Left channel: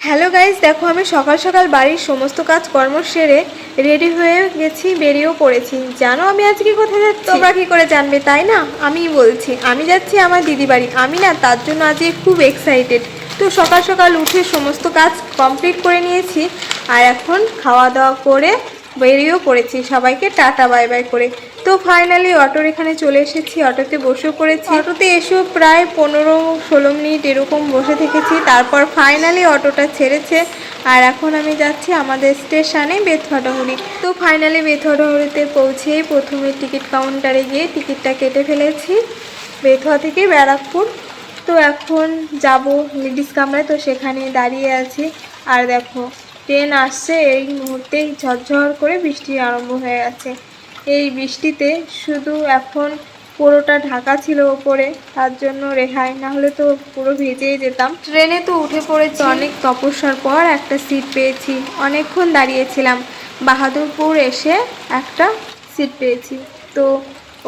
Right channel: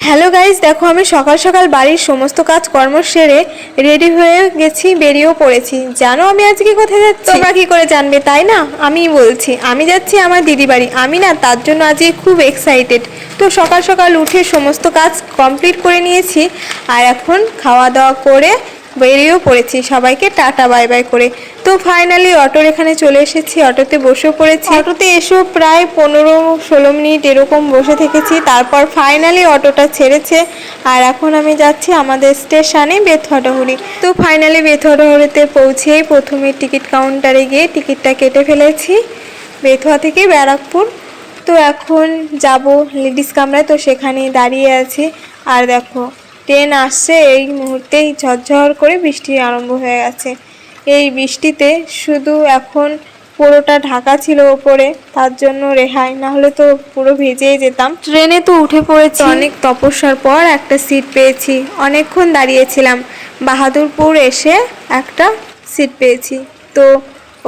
Hello guys, দেখো আমি সকাল সকাল বাড়ির সমস্ত কাজ কর্ম সেরে রেডি হয়ে গেছি, বেরিয়েও পড়েছি। জানো আমি আজকে কোথায় যাচ্ছি? তোমরা কি করে জানবে, তাই না? আমি বলছি, আমি যাচ্ছি আমার দিদি বাড়ি। আমি না তার জন্য আজকে খুব এক্সাইটেড। তো সকাল সকাল উঠে সমস্ত কাজ কমপ্লিট করে নিয়েছি, আর এখন খাওয়া দাওয়া করে বেরিয়েও পড়েছি, সবাইকে টাটা বাই বাই করে। তো ফাইনালি অটোর এখানে চলে এসেছি, অটোতে বসেও পড়েছি। অটোতে এসেও প্রায় 15-16 মিনিট এরকম বসে থেকেছি, তারপর ফাইনালি অটোটা ছেড়েছে। আর এখন আমি যাচ্ছি আমাদের স্টেশনে বেথুয়াডাহুরি। তো ফাইনালি বেথুয়াডাহুরিতে পৌঁছেই প্রথমে টিকিট কাউন্টারে গিয়ে টিকিটটা কেটে ফেলেছি, বেথুয়া থেকে ব্যারাকপুর। তো এখন যাব লেডিস কামরায়, তো সেখানে দাঁড়িয়ে আছি। আর দেখো ট্রেন আসছে, এই মুহূর্তেই ঝরঝর করে বৃষ্টি আরম্ভ হয়ে গেছে। এই বৃষ্টিতে শুধু এখন পুরোটা ঢাকা ছিল ওপরে, তার জন্য রেহাই, নাহলে তো পুরো ভিজেই যেতাম। ট্রেনে তো উঠে পড়েছি, অনেক তপস্যার পর একটা সিট পেয়েছি। অনেকক্ষণ দাঁড়িয়েছিলাম, বাহাদুরপুর এসে একটা সিট পেয়েছি। তো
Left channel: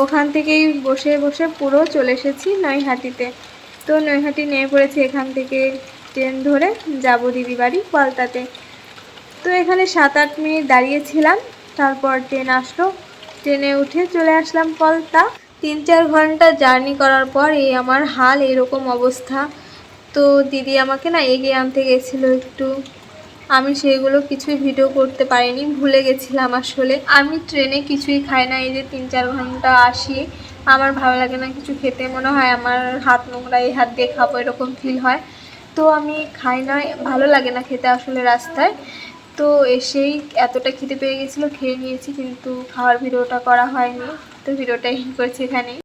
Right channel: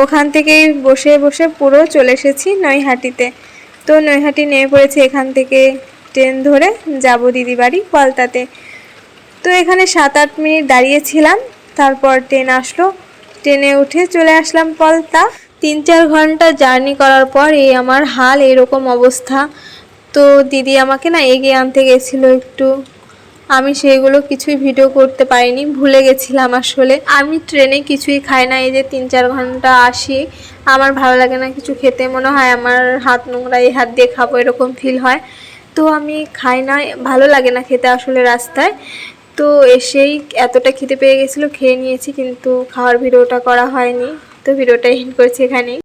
ওখান থেকেই বসে বসে পুরো চলে এসেছি নৈহাটিতে। তো নৈহাটি নেমে পড়েছি, এখান থেকে ট্রেন ধরে যাব দিদি বাড়ি পলতাতে। তো এখানে 7-8 মিনিট দাঁড়িয়েছিলাম, তারপর ট্রেন আসলো, ট্রেনে উঠে চলে আসলাম পলতা। 3-4 ঘন্টা জার্নি করার পর এই আমার হাল, এরকম অবস্থা। তো দিদি আমাকে না এগিয়ে আনতে গেছিলো একটু, আমি সেগুলো কিছুই ভিডিও করতে পারিনি, ভুলে গেছিলাম। আসলে আমি ট্রেনে কিছুই খাই না, এই যে 3-4 ঘন্টা আসি, আমার ভালো লাগে না কিছু খেতে, মনে হয় আমার হাত নোংরা, এই হাত দিয়ে খাবো এরকম ফিল হয়। তো আমি খাই না, ভালো লাগে না খেতে আসলে রাস্তায়। তো এসেই এতটা খিদে পেয়ে গেছিলো, খেয়ে নিয়েছি, কিন্তু খাওয়ার ভিডিওটা করা হয়নি। তো ভিডিওটা এন্ড করছি এখানেই।